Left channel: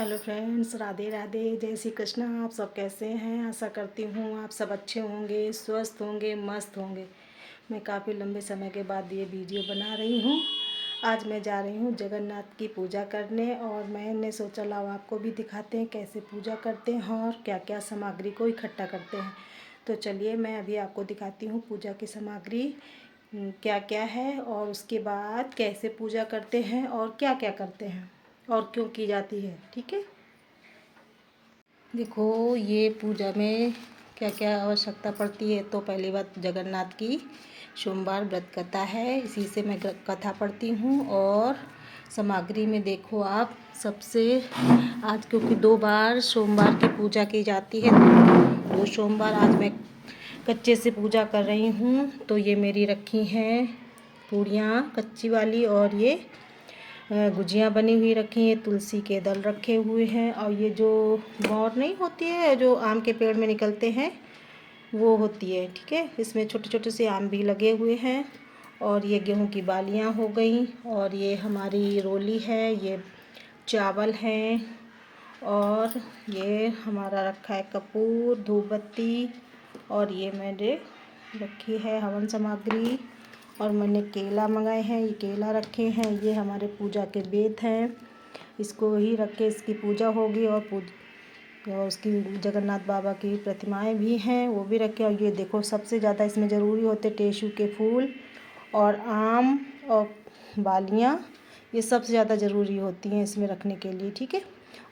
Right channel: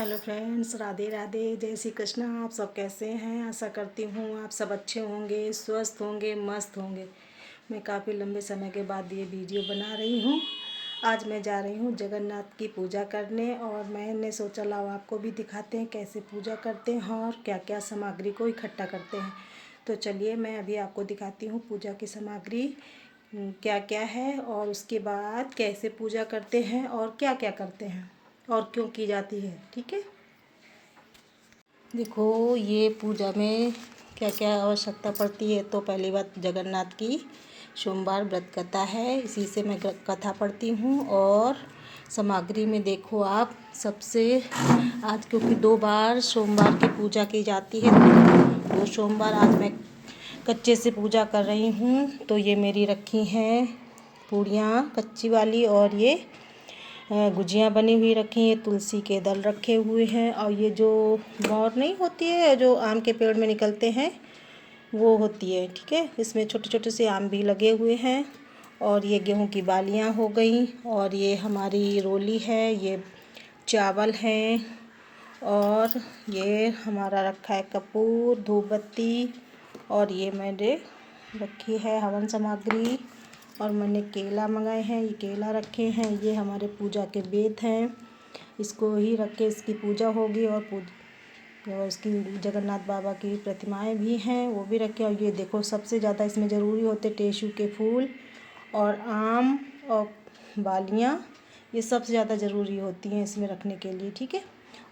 Hello friends, Radhe Radhe, जय श्री कृष्णा। आप सब कैसे हैं? आशा करती हूँ आप सब अच्छे होंगे, स्वस्थ होंगे, मस्त होंगे। मैं काफ़ी लंबे समय के बाद ये वीडियो बना रही हूँ। आज मैं जा रही हूँ जगन्नाथ की पूजा करने और मैंने सोचा लाओ आपको भी दिखाते हैं कैसे पूजा करते हैं और क्या क्या सामग्री को इकट्ठा करते हैं। तो चलिए मैं अभी आपको दिखाती हूँ पूजा की सामग्री क्या क्या है और उसके बाद कैसे पूजा करते हैं और क्या क्या करते हैं और क्यों की जाती है। ठीक है, देखो ये पूजा में क्या क्या आवश्यकता पड़ती है। तो पहली बात, जगन्नाथ की सोमवार व्रत कथा है, इसी से मैं कथा पढ़ती हूँ। और सामग्री में देखो आप, सबसे आज क्योंकि 2 बार सोमवार की पूजा की जाती है, 2 सोमवार आज मैं कच्चे से पूजा कर रही हूँ। तो ये मेरी रखी हैं पूड़ियाँ कच्ची वाली, और ये गुजियाँ बनी हुई रखी हैं, तुलसी के दल रखे हुए हैं, और ये जो मोर नहीं होती है जो आम के पेड़ में निकलते हैं वो होती है। ठीक है, इसमें छोटे छोटे से आम भी लगे हुए हैं। और ये गेहूं की बालियां हो गई, और ये हमारी रोली है, ये चावल हैं, और ये हमारा रखा है कपूर, धूप बत्ती, और ये मैंने रखी है हवन सामग्री। और मैंने केला मंगाए हैं, ये केला रखे हैं। ये हमारे पूजा के बेद हैं, इसको ही रख के इसकी पूजा होगी। और उसकी जगन्नाथ बाबा की प्रतिमाएं भी हैं, वो भी रखे। और ये देखो सबसे ज़्यादा इसमें ज़रूरी होते टेसू के फूल और आम और बालियाँ, ये सबसे ज़्यादा ज़रूरी होती हैं इसमें रखने के लिए। ठीक है,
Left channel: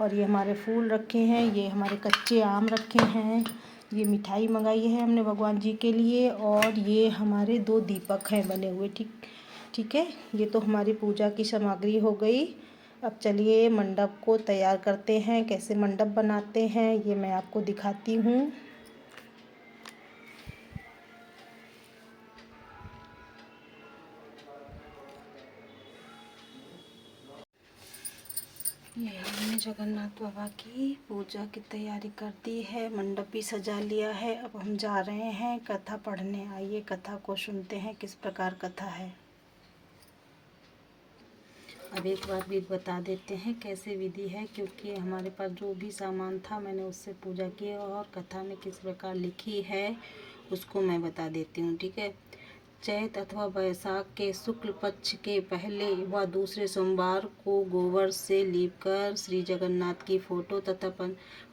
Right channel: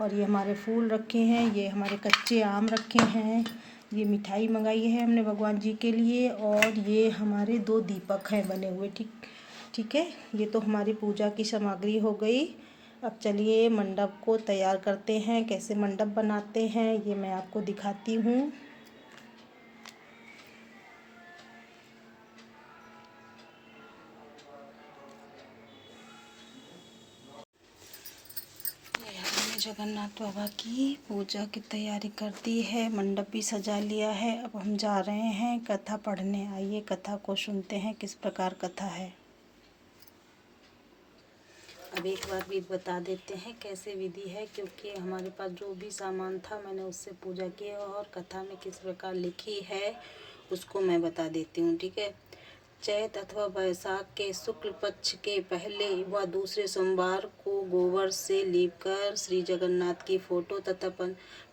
और ये हमारे फूल रखे हैं, ये हमारे कच्चे आम रखे हैं, ये मिठाई मंगाई है हमने भगवान जी के लिए, और ये हमारे 2 दीपक हैं बने हुए। ठीक है, ये तो हमारी पूजा की सामग्री हो गई। अब चलिए मंडप को तैयार करते हैं, कैसे मंडप बनाते हैं ये मैं आपको दिखाती हूँ। ये हमने जगन्नाथ बाबा की पूजा की तैयारी कर दी है, मंडप भी सजा लिया है। अब हम जा रहे हैं कथा पढ़ने। आइए कथा को सुनते हैं, किस प्रकार कथा है। अब एक बार भी बता देते हैं कैसे विधि है, क्योंकि हमारे पास जो भी सामान था मैंने उससे पूजा की है, और कथा में किस प्रकार लिखी है उसको मैं बता देती हूँ। ठीक है, चैत अथवा वैशाख के शुक्ल पक्ष के पहले व दूसरे सोमवार को गोबर से लीपकर श्री जगन्नाथ की फोटो तथा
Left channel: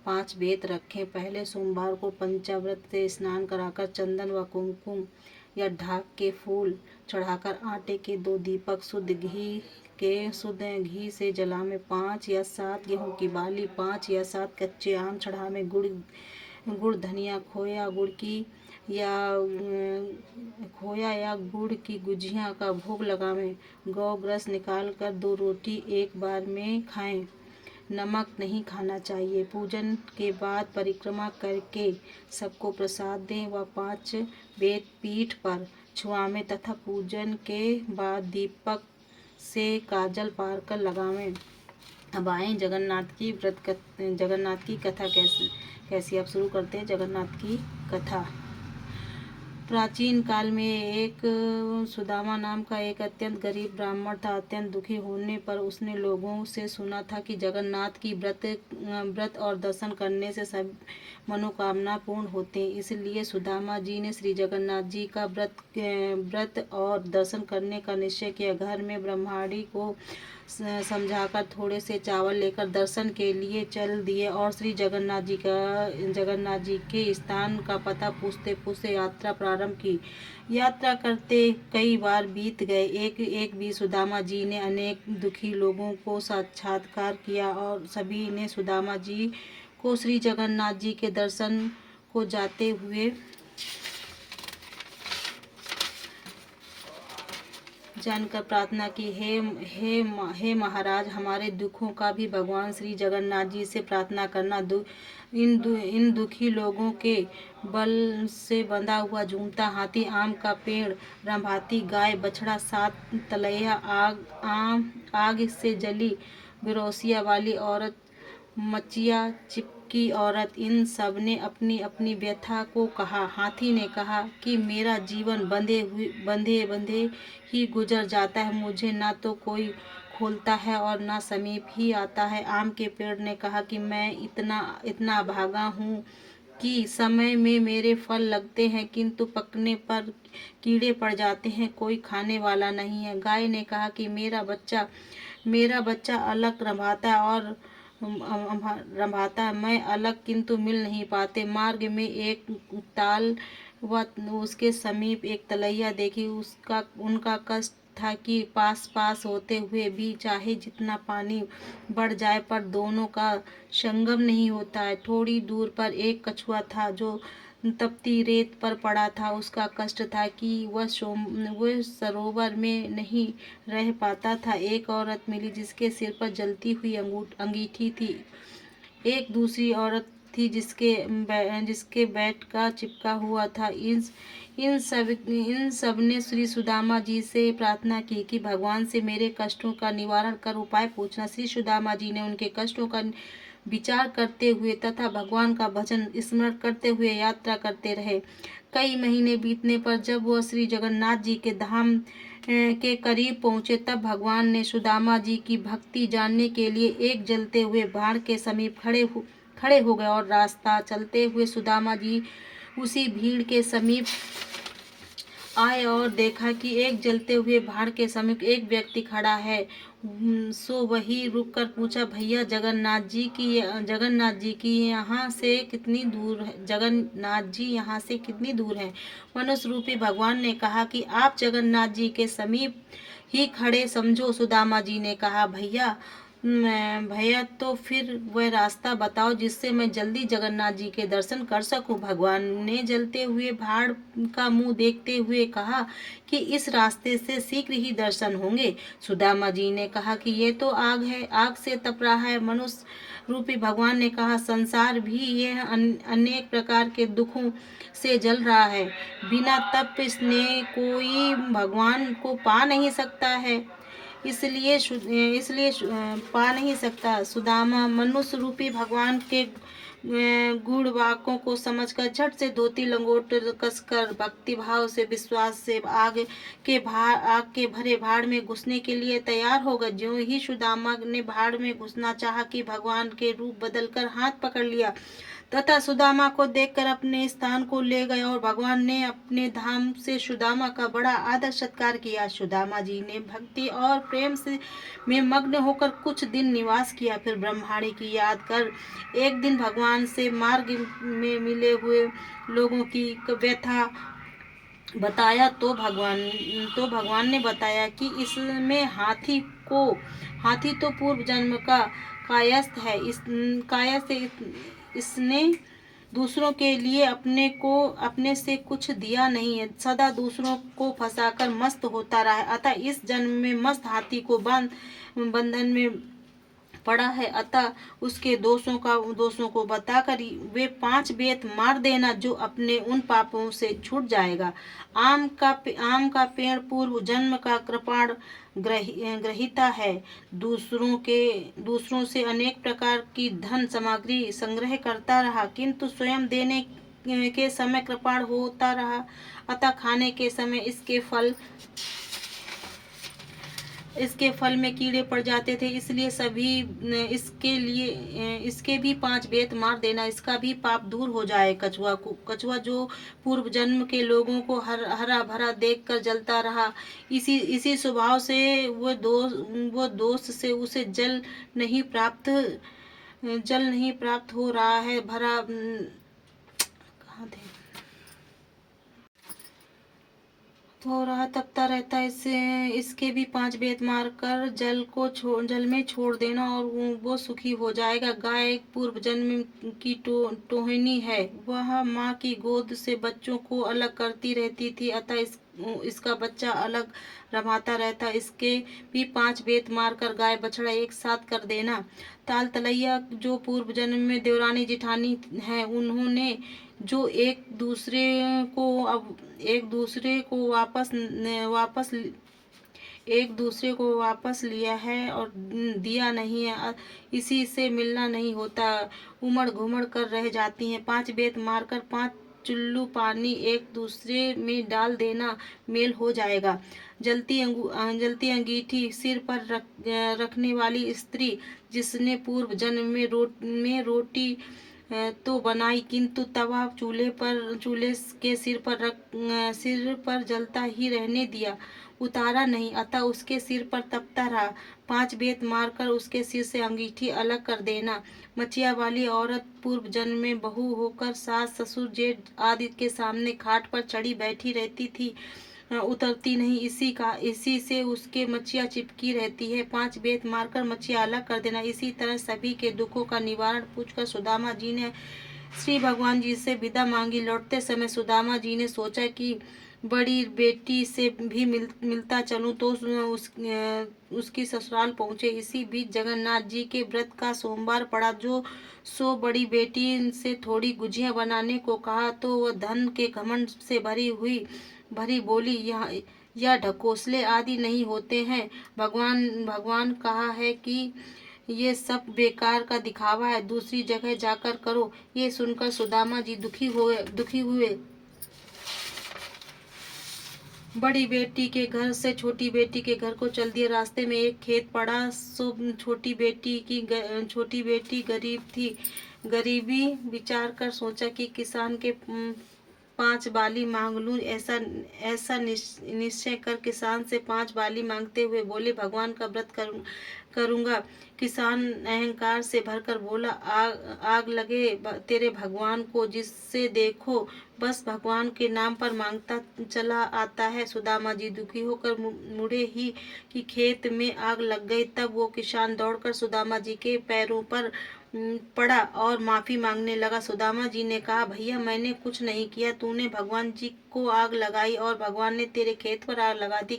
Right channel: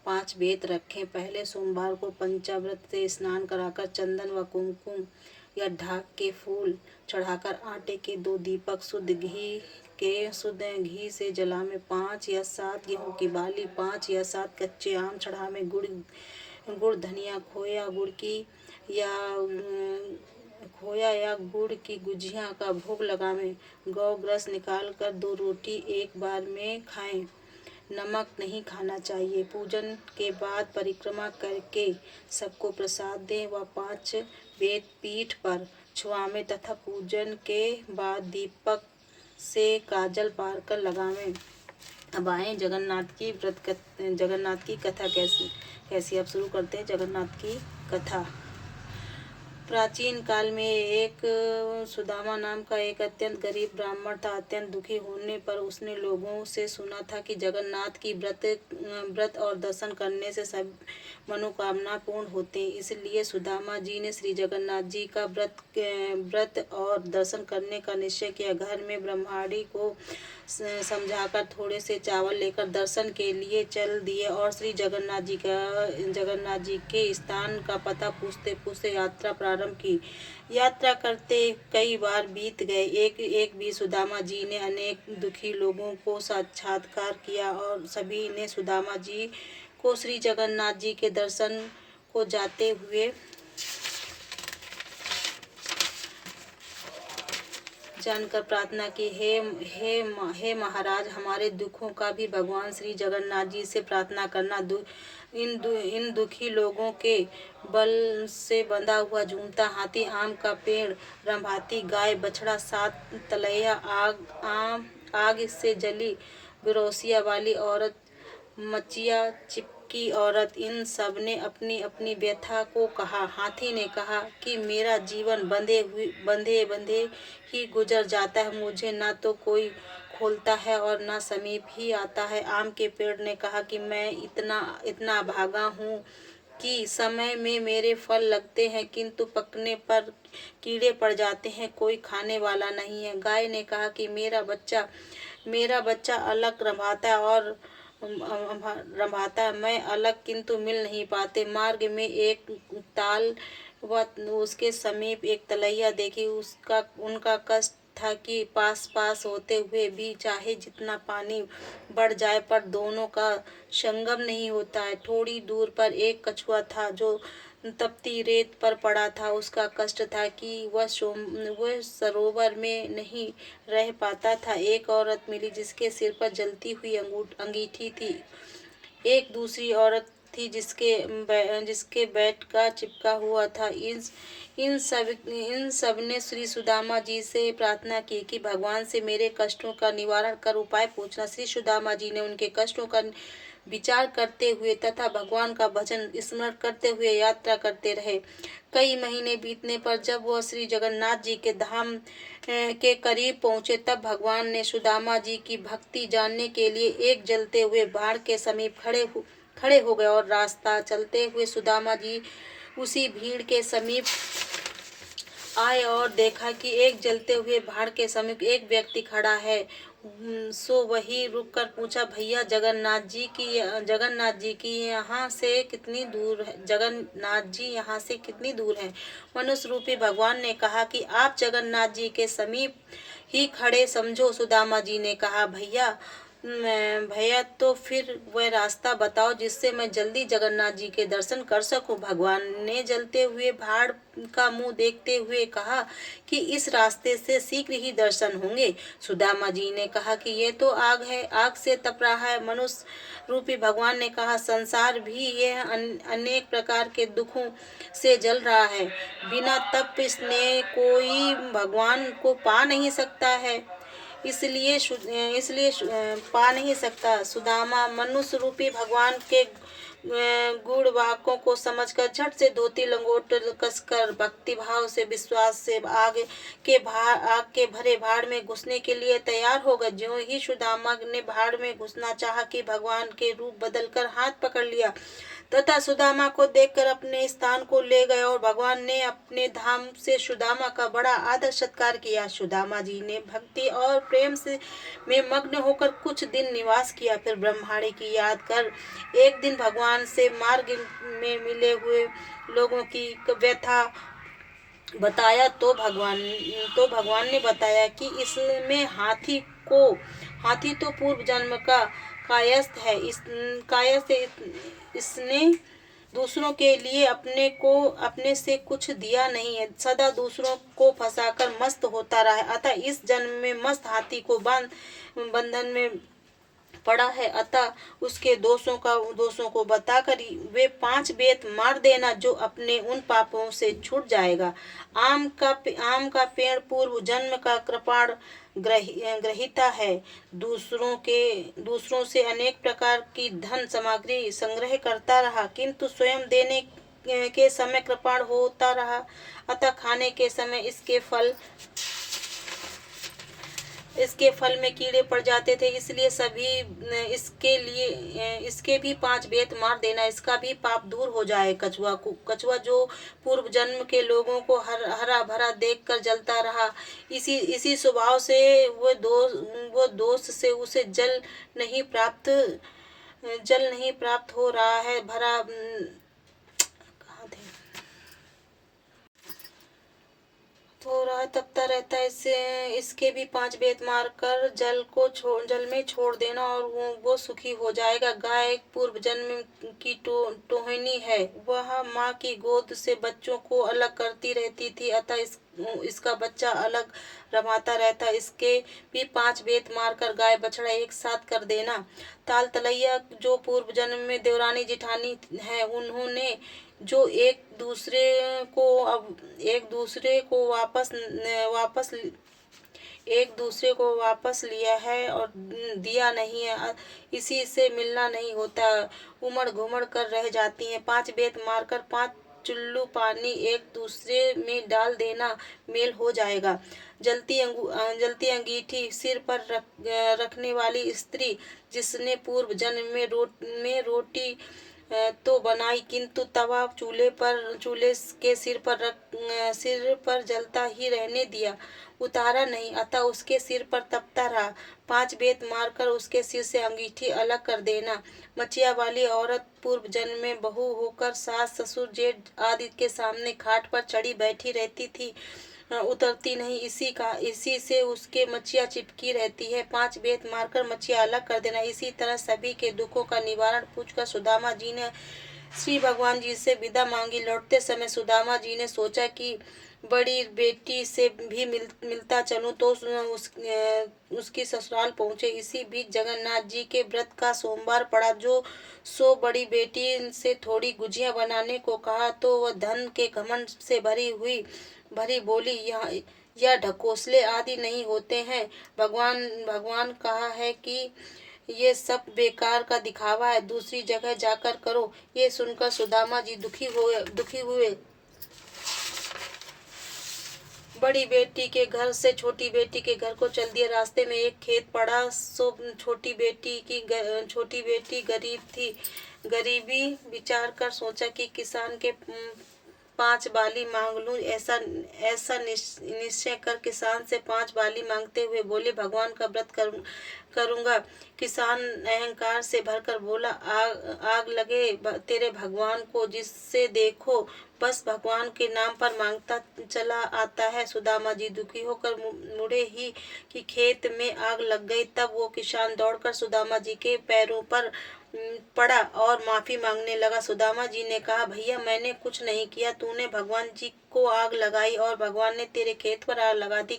5 बेत रखें। पहले सोमवार को पंचामृत से स्नान कराकर चंदन व कुमकुम या ढाक के फूल चढ़ाकर आटे के 2 दीपक शुद्ध घी से जला में 5 या 7 गेहूं की बाली, 5 या 7 कच्चे आम चढ़ा में गुड़ धनिया खोया या गुड़ की गुजिया का भोग लगावें। गौ ग्रस निकाल कर 2 रोटी एक बार में खाएं। नमक नहीं खाना चाहिए। पूजन के बाद परिक्रमा करके सबको प्रसाद दें व 5 बेत पीठ पर छुआवें तथा पूजन के बाद दीपक से काजल पार कर लगावें। अब आए जगन्नाथ की कथा कैसी आप शुरू करते हैं जगन्नाथ की कथा। प्राचीन काल में एक सुदामा नाम का एक अत्यंत गरीब ब्राह्मण था। अत्यंत दुखी होने पर उसने लोगों से सुना था कि जगन्नाथ की व्रत और दर्शन करने से सब मनोकामना पूर्ण होते हैं। इसलिए सुदामा जी ने श्री जगन्नाथ जी का व्रत और दर्शन करने का निश्चय किया। घर में ब्रह्माणी को समझाकर थोड़े से चावल लेकर दर्शन के लिए चल दिए और श्री जगन्नाथ जी के स्थान का पता पूछते पूछते यात्रा प्रारंभ की। यात्रा करते कई बार बीत गए। एक भी सुदामा जी ने अनेक दुखी लोगों को साक्षात्कार किया और सभी ने सुदामा जी को श्री जगन्नाथ जी के दर्शन को जाते हुए जानकर प्रार्थना की, हे महाराज, हमारे दुखों का भी भगवान श्री जगन्नाथ जी से प्रार्थना करना। इन दुखी लोगों के बल से बंधा हुआ झूमता हाथी, आम का पेड़, रंभाती गाय, बछड़ा, 7 तलैया, आग से जली बिरोसिया वाली औरत, मचिया चिपकी औरत, इन सब ने अपनी अपनी व्यथा को कहा। हाथी ने कहा कि मेरा जीवन बंधे बंधे ही गुजर जाता है। मुझे ना तो कोई खोलता है और ना समीप ही आता है। आम के पेड़ ने कहा कि मैं इतना अभागा हूँ कि समय में मेरे फल लगते हैं किंतु पकने पर कीड़े पड़ जाते हैं, कोई खाने वाला नहीं है। गाय ने कहा कि मेरा बच्चा अलग रंभाता है, मैं अलग किंतु मिल नहीं पाते। मार्ग में एक ताल व उसके समीप एक तलैया देखी। उसका उनका कष्ट था कि पास पास होते हुए भी चाहे जितना पानी बढ़ जाए पर दोनों का संगम नहीं होता है। थोड़ी दूर पर एक कछुआ था जो तपती रेत पर पड़ा था। उसका कष्ट था कि वह सरोवर में नहीं रह पाता था। एक औरत मिली जिसके सिर पर जलती हुई अंगीठी थी। एक दूसरी औरत थी जिसके बैठ का चिपका हुआ था। इन सब ने श्री सुदामा जी से प्रार्थना की कि भगवान से मेरे कष्टों का निवारण कर उपाय पूछना। श्री सुदामा जी ने उनके कष्टों का विचार करते हुए तथा भगवान का भजन स्मरण करते हुए यात्रा करते रहे। कई महीने बीतने पर जब वह श्री जगन्नाथ जी के धाम के करीब पहुँचे तब भगवान ने सुदामा जी की भक्ति जानने के लिए एक जलते हुए भाड़ के समीप खड़े हो गए और रास्ता चलते हुए सुदामा जी उसी भीड़ के समीप आए और देखा कि एक जलते हुए भाड़ के समीप एक व्यक्ति खड़ा है। सो वही रुक कर पूछा, भैया जगन्नाथ जी की यहाँ से कितनी दूर है? जगन्नाथ जी यहाँ से कितनी दूर है? मनुष्य रूपी भगवान ने कहा कि आप जगन्नाथ जी के समीप ही खड़े समझो। सुदामा जी ने कहा, भैया तो फिर वह रास्ता बताओ जिससे मैं जल्दी जगन्नाथ जी के दर्शन कर सकूं। भगवान ने जलते हुए भाड़ का मुंह देखते हुए कहा कि इस रास्ते से शीघ्र ही दर्शन होंगे। सुदामा जी ने कहा कि ये तो आग है, आग से तप रहा है। मनुष्य रूपी भगवान ने कहा, संसार भी यह अनेक प्रकार के दुखों से जल रहा है। बिना तप स्नेह कोई भगवान को पा नहीं सकता है, इसलिए पा नहीं सकता। सुदामा मनुष्य रूपी भगवान के गुण वाक्यों को समझकर झट से धोती लंगोट कसकर भक्ति भाव से विश्वास से आग के भरे भाड़ में घुसने के लिए तैयार हो गए। ज्यों ही सुदामा ने भाड़ में घुसना चाहा कि भगवान के रूप बदलकर हाथ पकड़ लिया तथा सुदामा को देखकर अपने स्थान को ले गए और भगवान ने अपने धाम से सुदामा का बड़ा आदर सत्कार किया। सुदामा जी ने भक्ति और प्रेम से में मग्न होकर कुछ दिन निवास किया। फिर ब्रह्माणी की याद कर एक दिन भगवान से मार्ग में मिले हुए लोगों की व्यथा बताया तो भगवान ने बताया कि इसमें हाथी तो पूर्व जन्म का कायस्थ है। इसने दूसरों के लिए अपने से कुछ दिया नहीं है, सदा दूसरों को फंसाकर मस्त होता रहा है। अतः इस जन्म में मस्त हाथी को बंधन में पड़ा है। अतः उसके दोषों को बताकर वे 5 बेत मार देना जो अपने उन पापों से छूट जाएगा। आम का पेड़ पूर्व जन्म का कृपाण ग्रहिता है। दूसरों से अनेक प्रकार की धन सामग्री संग्रह करता रहा किंतु स्वयं देने के समय कृपाण होता रहा। अतः खाने के समय इसके फल में कीड़े पड़ जाते थे, इसलिए इसके भी 5 बेत मार देना, इसका भी पाप दूर हो जाए। कछुआ जो पूर्व जन्म के लोगों को हरा भरा देखकर जलता रहा, इसी स्वभाव से वो दोष से उसे जल नहीं प्राप्त हो रहा है। तपता रहता है। इसके भी 5 बेत मारकर जल में छोड़ देना और वो सुखी हो जाएगा। गाय पूर्व जन्म की टोहिनी है, वह माँ की गोद से बच्चों को अलग करती रहती थी, अतः इसका बच्चा अलग रमाता रहता। इसके भी 5 बेत मारकर गाय बछड़ा एक साथ कर देना। ताल तलैया जो पूर्व जन्म में देवरानी जिठानी है, उन्होंने जो एक दूसरे को वापस लिया है और दिया नहीं है, इसी से मिलना नहीं होता, उमड़ घुमड़ कर रह जाती हैं। 5 बेत मारकर चुल्लू पानी एक दूसरे में डाल देना, मेल हो जाएगा। जलती अंगीठी सिर पर रखने वाली स्त्री, जिसने पूर्व जन्म में रोटी तो बनाई, किंतु तवा चूल्हे के सिर पर जलता ही रहने दिया, उतारा नहीं, अतः उसके सिर पर तपता रहा। 5 बेत मारकर उसके सिर से अंगीठी अलग कर देना। मचिया वाली औरत पूर्व जन्म में बहू होकर सास ससुर जेठ आदि के सामने खाट पर चढ़ी बैठी रहती थी, उतरती नहीं, इसी से उसके मचिया चिपकी रहती है। 5 बेत मारकर मचिया अलग कर देना। इसी तरह सभी के दुखों का निवारण पूछकर सुदामा जी ने श्री भगवान जी से विदा मांगी। लौटते समय सुदामा जी ने सोचा कि बड़ी बेटी से भी मिलता चलूं तो उसकी ससुराल पहुंचे। इसी बीच जगन्नाथ जी के व्रत का सोमवार पड़ा। बड़ी बेटी से थोड़ी गुजिया बनाने को कहा तो वह धन के घमंड से भरी बोली, यह ढकोसले आदि नहीं होते हैं। भगवान कहा है कि ये सब बेकार का दिखावा है, दूसरी जगह जाकर करो। ये सुनकर सुदामा जी दुखी हुए। बड़ी बेटी के घर से छोटी बेटी के घर को चल दिया। रास्ते में एक खेत पड़ा, सो छोटी बेटी गरीब थी। गरीबी विचार कर सोचा कि किसान के 5 बाली मांग लूं। ऐसा निश्चय कर किसान से 5 बाली मांगते हुए बोले, भगवान का व्रत करूंगा। किसान अहंकार से भरकर बोला, आग लगे तेरे भगवान को, जिससे देखो बस भगवान के नाम पर मांगता चला आता है। सुदामा जी दुखी होकर मुड़े ही कि खेत में आग लग गई। तब वो किसान दौड़कर सुदामा जी के पैरों पर पड़ा और माफी मांगने लगा। सुदामा जी ने कहा, भैया मैंने कुछ नहीं किया, तूने भगवान जी को आग लगाई और भगवान ने तेरे खेत पर आग लगा दी।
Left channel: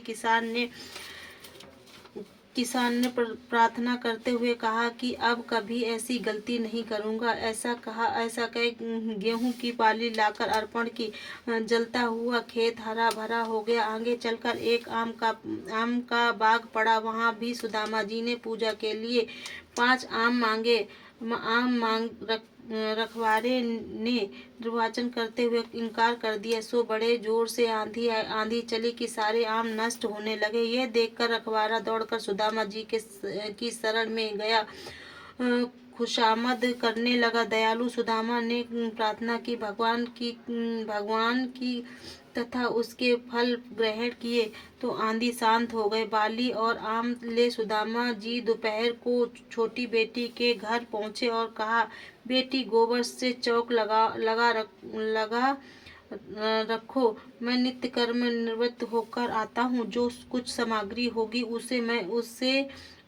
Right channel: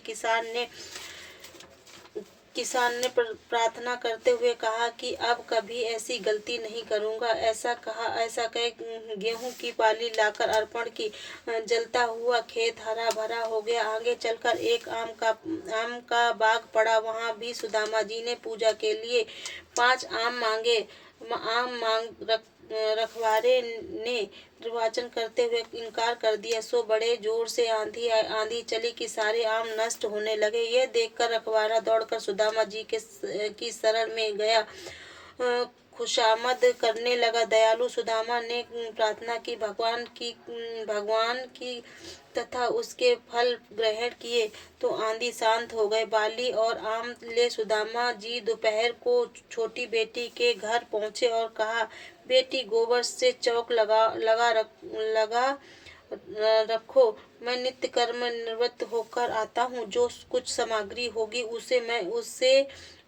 किसान ने प्रार्थना करते हुए कहा कि अब कभी ऐसी गलती नहीं करूंगा। ऐसा कह गेहूं की पाली लाकर अर्पण की। जलता हुआ खेत हरा भरा हो गया। आगे चलकर एक आम का बाग पड़ा। वहां भी सुदामा जी ने पूजा के लिए 5 आम मांगे। रखवारे ने निर्वाचन करते हुए इनकार कर दिया, सो बड़े जोर से आंधी चली कि सारे आम नष्ट होने लगे। यह देखकर रखवारा दौड़कर सुदामा जी की शरण में गया, खुशामद करने लगा। दयालु सुदामा ने प्रार्थना की, भगवान की तथा उसके फल ग्रहण किए तो आंधी शांत हो गए। बाली और आम ले सुदामा जी दोपहर को छोटी बेटी के घर पहुंचे और कहा, बेटी गोबर से चौक लगा रखो, मैं नित्य कर्म निवृत्त होकर आता हूँ। जो कुछ सामग्री होगी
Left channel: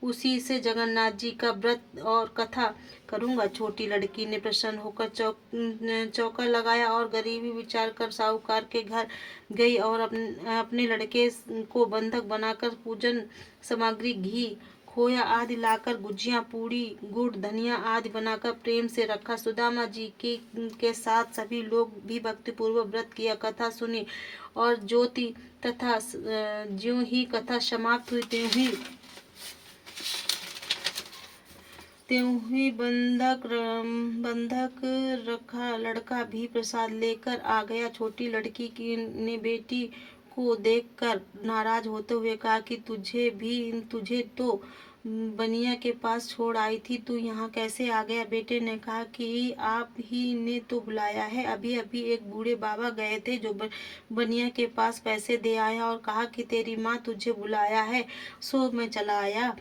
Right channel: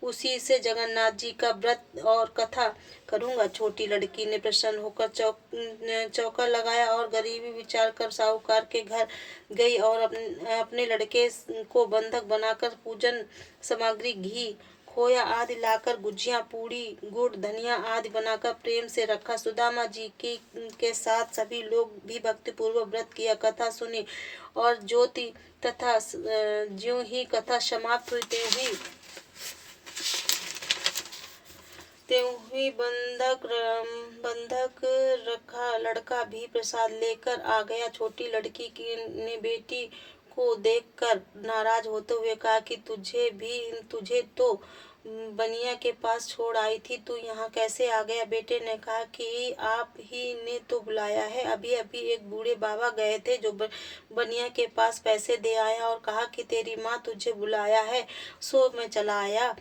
उसी से जगन्नाथ जी का व्रत और कथा करूँगा। छोटी लड़की ने प्रसन्न होकर चौका लगाया और गरीबी विचार कर साहूकार के घर गई और अपने लड़के को बंधक बनाकर पूजन सामग्री घी खोया आदि लाकर गुजिया पूड़ी गुड़ धनिया आदि बनाकर प्रेम से रखा। सुदामा जी के साथ सभी लोग भी भक्तिपूर्वक व्रत किया, कथा सुनी और ज्यों ही कथा समाप्त हुई त्यों ही बंधक रखा लड़का भी प्रसाद लेकर आ गया। छोटी लड़की ने बेटी को देखकर नाराज होते हुए कहा कि तुझे तो बनिया के पास छोड़ आई थी, तू यहाँ कैसे आ गया? बेटे ने कहा कि आप ही ने तो बुलाया है। अभी एक बूढ़े बाबा गए थे जो बनिया के पास पैसे दे आया और कहा कि तेरी माँ तुझे बुलाया है, सो मैं चला आया।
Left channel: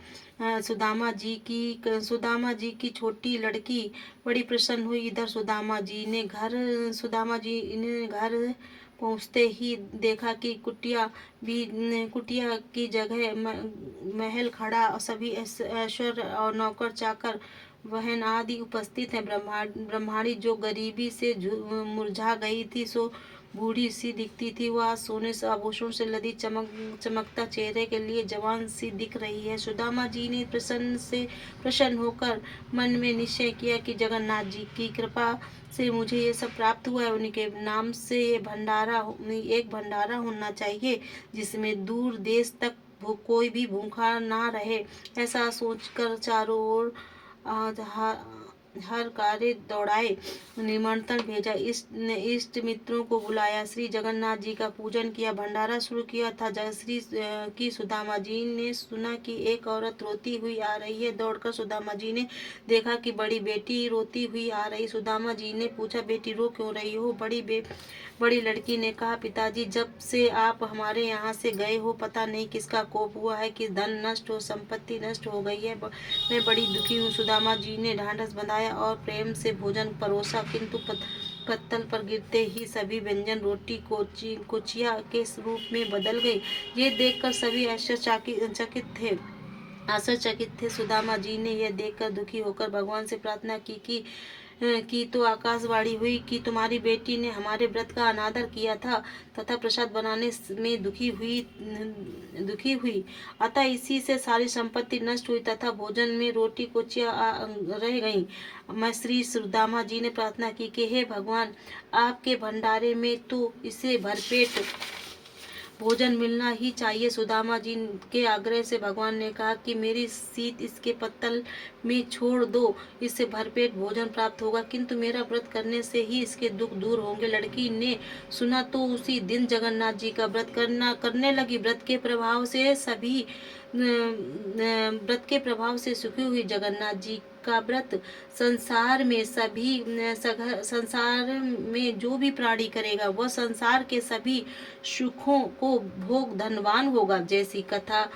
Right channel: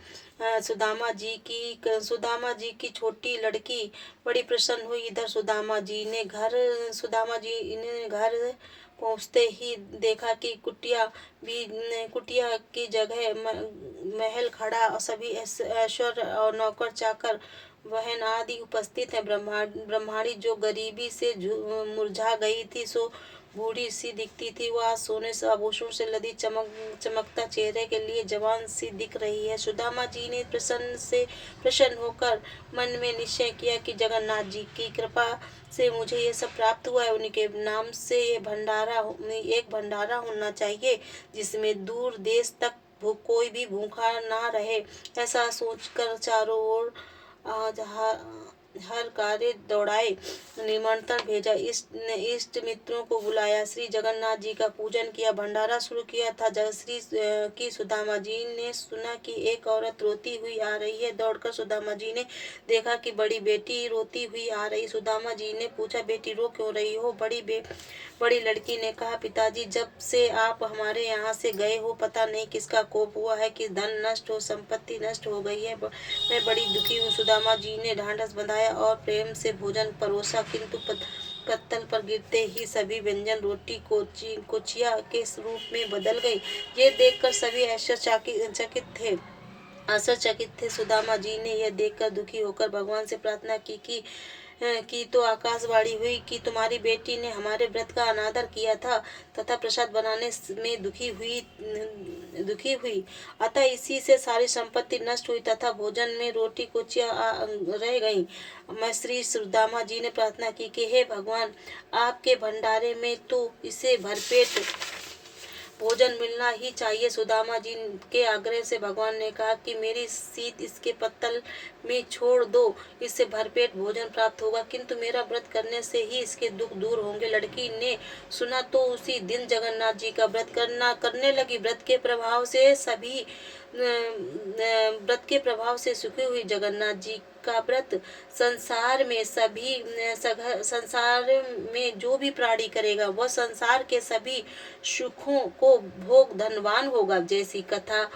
सुदामा जी की छोटी लड़की बड़ी प्रसन्न हुई। इधर सुदामा जी ने घर पहुँचते ही देखा कि कुटिया की जगह महल खड़ा, सभी ऐश्वर्य और नौकर चाकर बहन आदि उपस्थित है। ब्रह्माणी जो गरीबी से मुरझा गई थी, सो बूढ़ी सी दिखती थी। वह सोने से आभूषण से लदी चमकता चेहरे के लिए जवान सी दिख रही है। सुदामा जी ने प्रसन्न होकर मन में निश्चय किया कि जगन्नाथ जी की कृपा से मुझे ये सब प्राप्त हुआ है। उनके नाम से एक भंडारा होना चाहिए, जिसमें दूर देश तक कोई भी भूखा ना रहे। ऐसा सोचकर चारों ओर हर कार्य दौड़ाए, निमंत्रण भेजा, इष्ट मित्रों को बुलाया, श्री जगन्नाथ जी का पूजन किया, भंडारा शुरू किया था। जयश्री की सुदामा जी ने सुना कि एक औरत रोती हुई आ रही है। दौड़कर सुदामा जी ने देखा कि बड़ी बेटी रोती हुई आ रही। सुदामा जी ने पूछा, बेटी रो क्यों रही हो? बड़ी लड़की ने कहा, पिताजी जब से आप हमारे यहाँ से गए हो पता नहीं किसका कोप हुआ है कि धन नष्ट हो, संपत्ति नष्ट हो गई है। मैं बड़ी दुखी हूँ। सुदामा जी ने ढांढस बंधाया और प्रेम से भोजन परोसा, किंतु पत्तल पर गिरते ही सभी व्यंजन रोटी कोचिया के रूप में बदल गई। ये देखकर सभी आश्चर्यचकित थे। सुदामा जी ने यह देखकर दुखी होकर भगवान से प्रार्थना की तो आकाशवाणी हुई कि तुम्हारी बेटी ने हमारे व्रत का अनादर किया था तथा प्रसाद बनाने में दुखी हुई, अतः इसी से सारी संपत्ति नष्ट हुई तथा भोजन में रोटी कोचिया रह गई। मैं श्री सुदामा जी ने प्रार्थना की कि हे भगवान, आपके भंडारे में तो इसे भरपेट भोजन मिलना ही चाहिए। सुदामा जी के आग्रह से भगवान ने कहा कि मेरी सीत इसके पत्तल में छोड़ दो, इससे भरपेट भोजन प्राप्त होगा, किंतु मेरा व्रत करने से ही इसके दुख दूर होंगे। लड़की ने सुना तो उसी दिन जगन्नाथ जी का व्रत करने लगी। व्रत के प्रभाव से सुखी हुई जगन्नाथ जी का व्रत संसार में जो भी प्राणी करेगा वह संसार के सभी सुखों को भोग धनवान होगा। जैसी कथा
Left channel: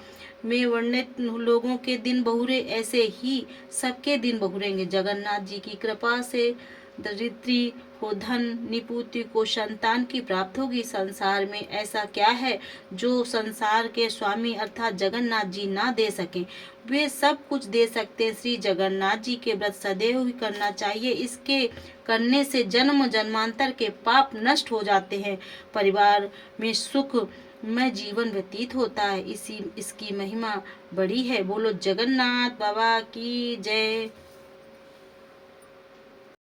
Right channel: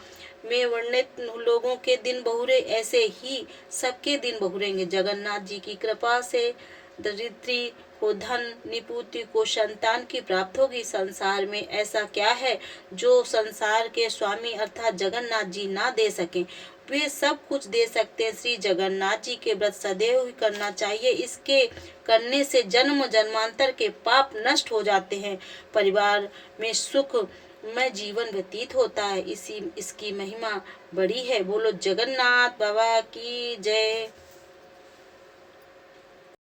में वर्णित लोगों के दिन बहुरे, ऐसे ही सबके दिन बहुरेंगे। जगन्नाथ जी की कृपा से दरिद्री को धन, निपुति को संतान की प्राप्त होगी। संसार में ऐसा क्या है जो संसार के स्वामी अर्थात जगन्नाथ जी ना दे सके? वे सब कुछ दे सकते हैं। श्री जगन्नाथ जी के व्रत सदैव ही करना चाहिए। इसके करने से जन्म जन्मांतर के पाप नष्ट हो जाते हैं, परिवार में सुख में जीवन व्यतीत होता है। इसकी महिमा बड़ी है। बोलो जगन्नाथ बाबा की जय।